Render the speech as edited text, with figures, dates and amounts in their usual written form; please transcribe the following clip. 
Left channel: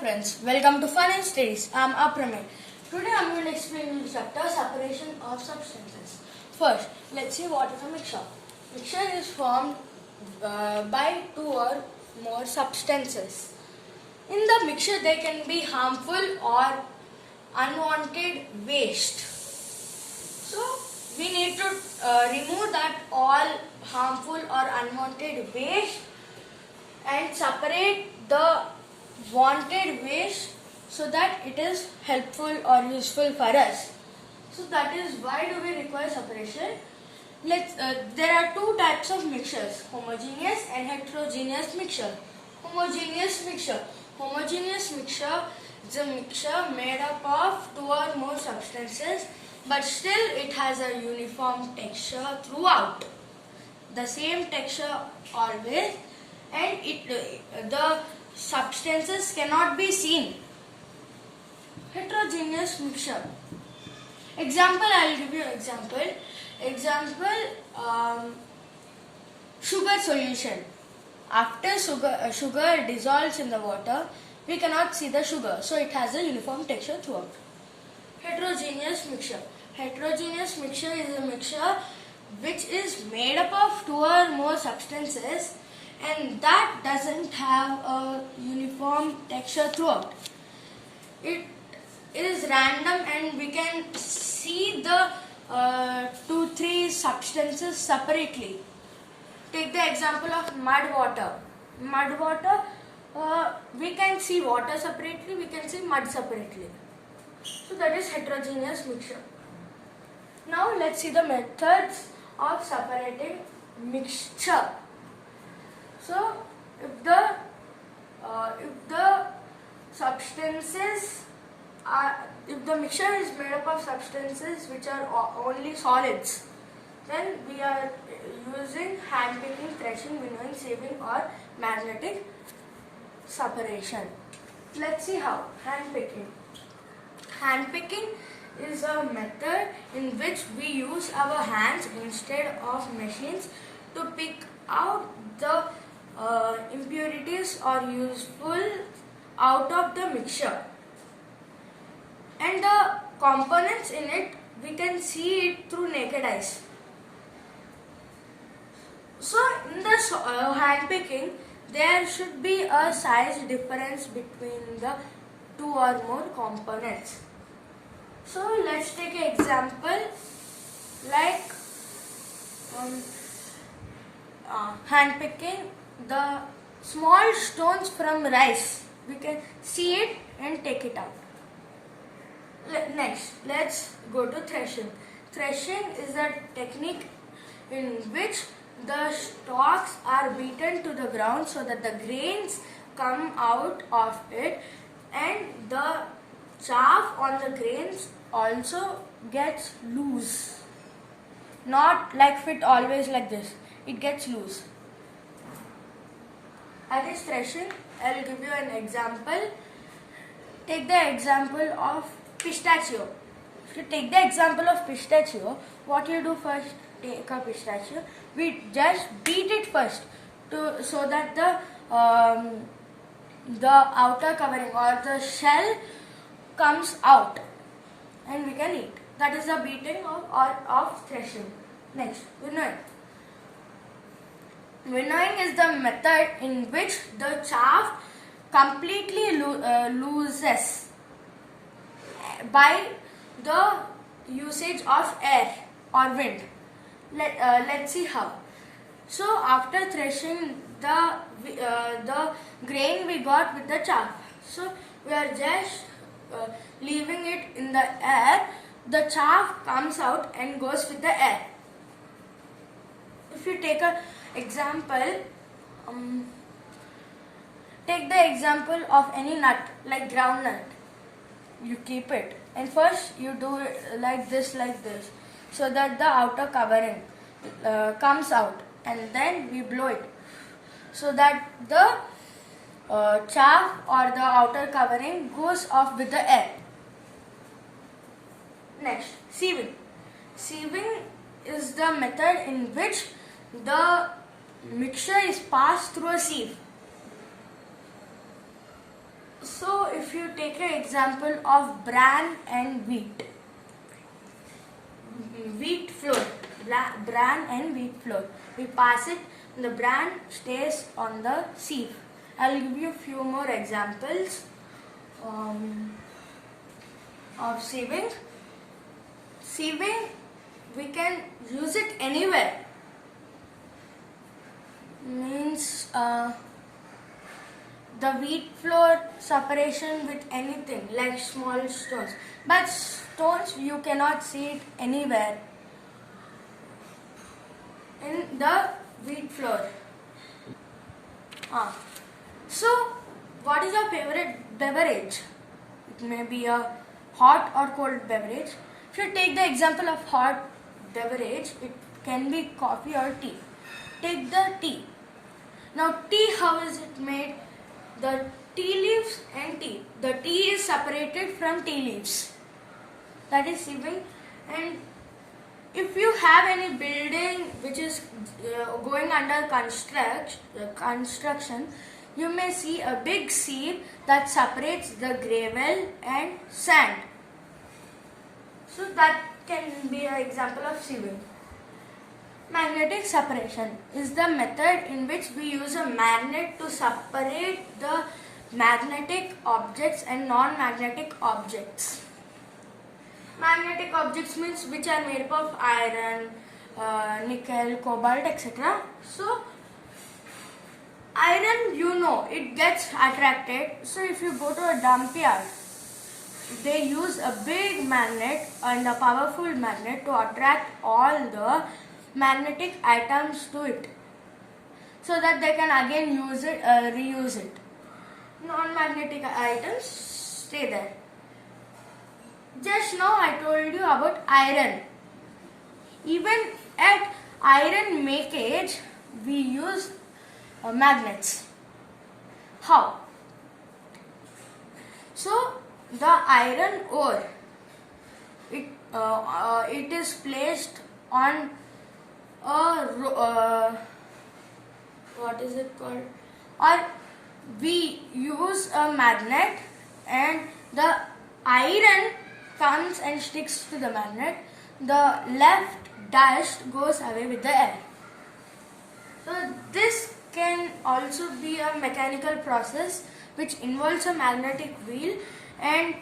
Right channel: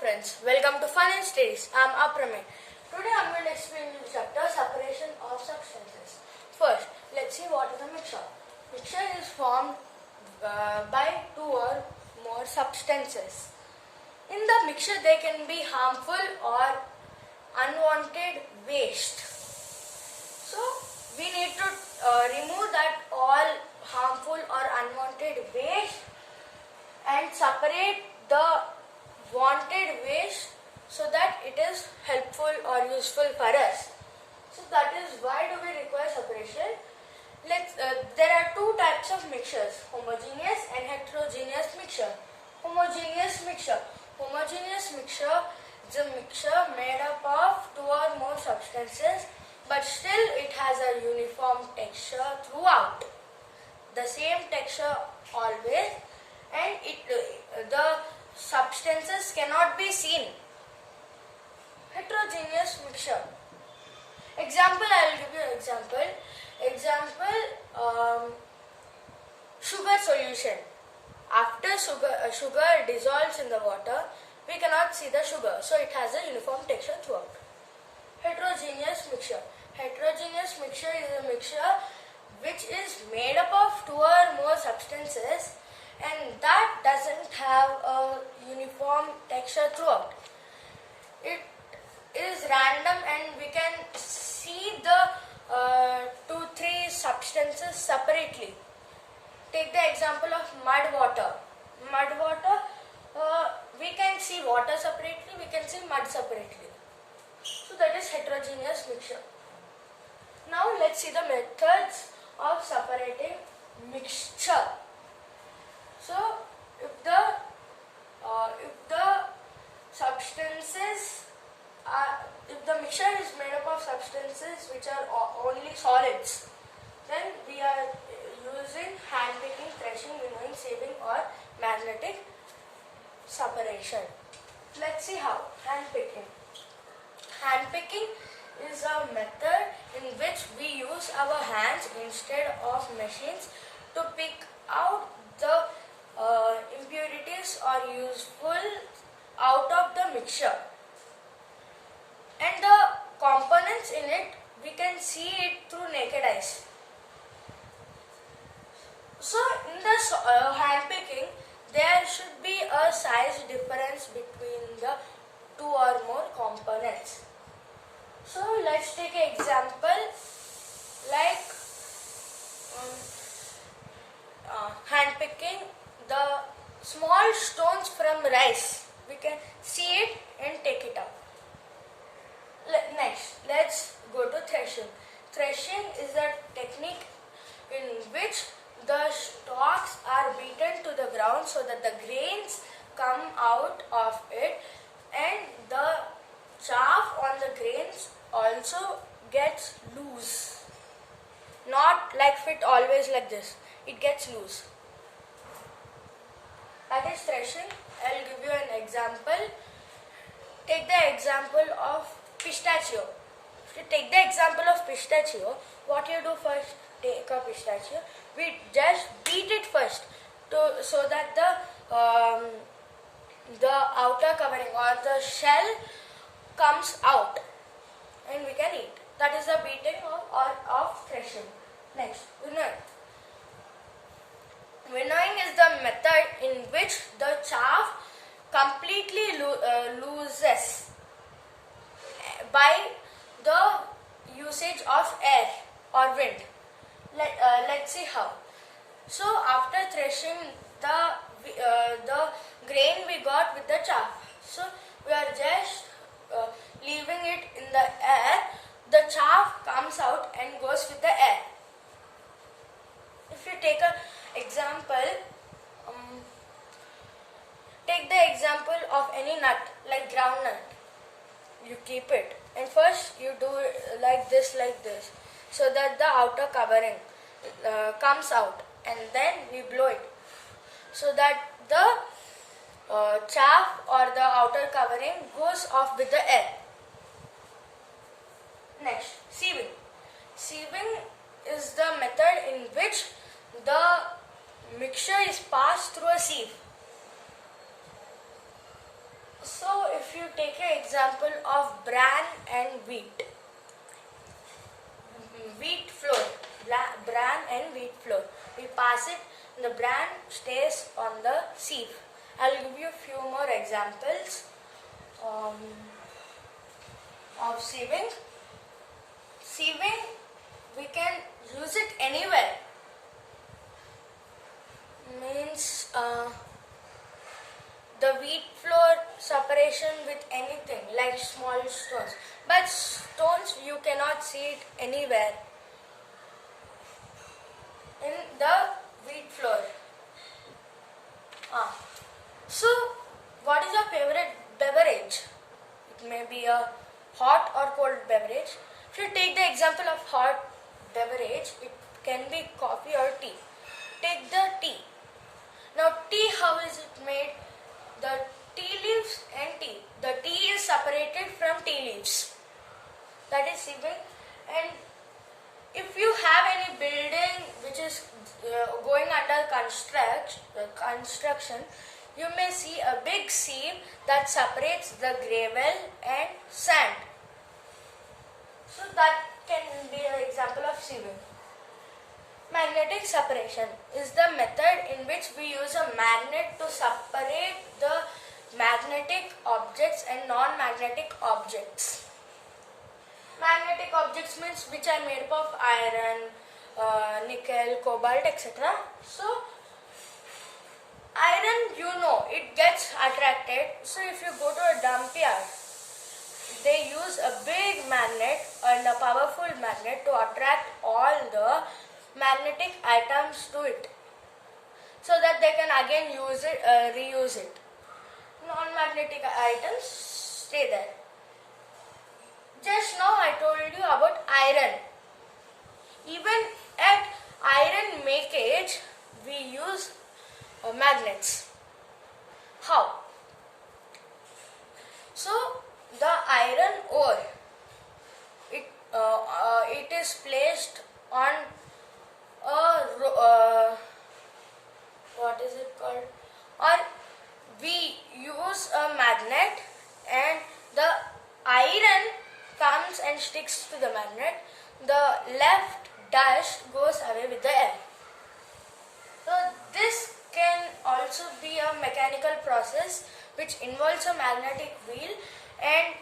friends, welcome to Fun and Studies. I am Apramay. Today I am going to explain you the chapter Separation of Substances. First, let's see what is a mixture. Mixture is formed by two or more substances. In the mixture there can be harmful or unwanted waste. So we need to remove that all harmful or unwanted waste and separate the wanted waste so that it is helpful or useful for us. So that is why do we require separation. There are two types of mixtures, homogeneous and heterogeneous mixture. Homogeneous mixture is a mixture made up of two or more substances, but still it has a uniform texture throughout. The same texture always, and the substances cannot be seen. Heterogeneous mixture. Example, I will give you example. Sugar solution. After sugar dissolves in the water, we cannot see the sugar, so it has a uniform texture throughout. Heterogeneous mixture. Heterogeneous mixture is a mixture which is made up of two or more substances and that doesn't have a uniform texture throughout. It is random and we can see the 2-3 substances separately. Take the example of mud water. Mud water, we can see water separately, we can see mud separately. So that is heterogeneous mixture. Now let's see the methods of separating mixture. So if the mixture is made up of substances which are only solids, then we are using hand picking, threshing, winnowing, sieving or magnetic separation. Let's see how. Hand picking. Hand picking is a method in which we use our hands instead of machines to pick out the impurities or useful out of the mixture. And the components in it, we can see it through naked eyes. So in the hand picking, there should be a size difference between the two or more components. So let's take an example like hand picking the small stones from rice. We can see it and take it out. Next, let's go to threshing. Threshing is a technique in which the stalks are beaten to the ground so that the grains come out of it and the chaff on the grains also gets loose. Not like fit always like this. It gets loose. That is threshing. I will give you an example. Take the example of pistachio. If you take the example of pistachio, what you do first, take a pistachio, we just beat it first so that the outer covering or the shell comes out and we can eat. That is the beating of threshing. Next, winnowing. Winnowing is the method in which the chaff completely loses by the usage of air or wind. Let's see how. So after threshing the grain we got with the chaff, so we are just leaving it in the air. The chaff comes out and goes with the air. If you take an example, take the example of any nut like groundnut. You keep it and first you do like this so that the outer covering comes out and then we blow it so that the chaff or the outer covering goes off with the air. Next, sieving. Sieving is the method in which the mixture is passed through a sieve. So if you take an example of bran and wheat flour, bran and wheat flour, we pass it and the bran stays on the sieve. I'll give you a few more examples of sieving. Sieving, we can use it anywhere. Means the wheat flour separation with anything like small stones. But stones you cannot see it anywhere in the wheat flour. So, what is your favorite beverage? It may be a hot or cold beverage. If you take the example of hot beverage, it can be coffee or tea. Take the tea. Now, tea, how is it made? The tea leaves and tea. The tea is separated from tea leaves. That is sieving. And if you have any building which is going under construction, you may see a big sieve that separates the gravel and sand. So that can be an example of sieving. Magnetic separation is the method in which we use a magnet to separate the magnetic objects and non-magnetic objects. Magnetic objects means which are made up of iron, nickel, cobalt, etc. So, iron, it gets attracted. So, if you go to a dump yard, they use a big magnet and a powerful magnet to attract all the magnetic atoms to it, so that they can again reuse it. Non-magnetic items stay there. Just now I told you about iron. Even at iron makage, we use magnets. How? So the iron ore, it is placed on what is it called? Or we use a magnet and the iron comes and sticks to the magnet. The left dust goes away with the air. So this can also be a mechanical process which involves a magnetic wheel, and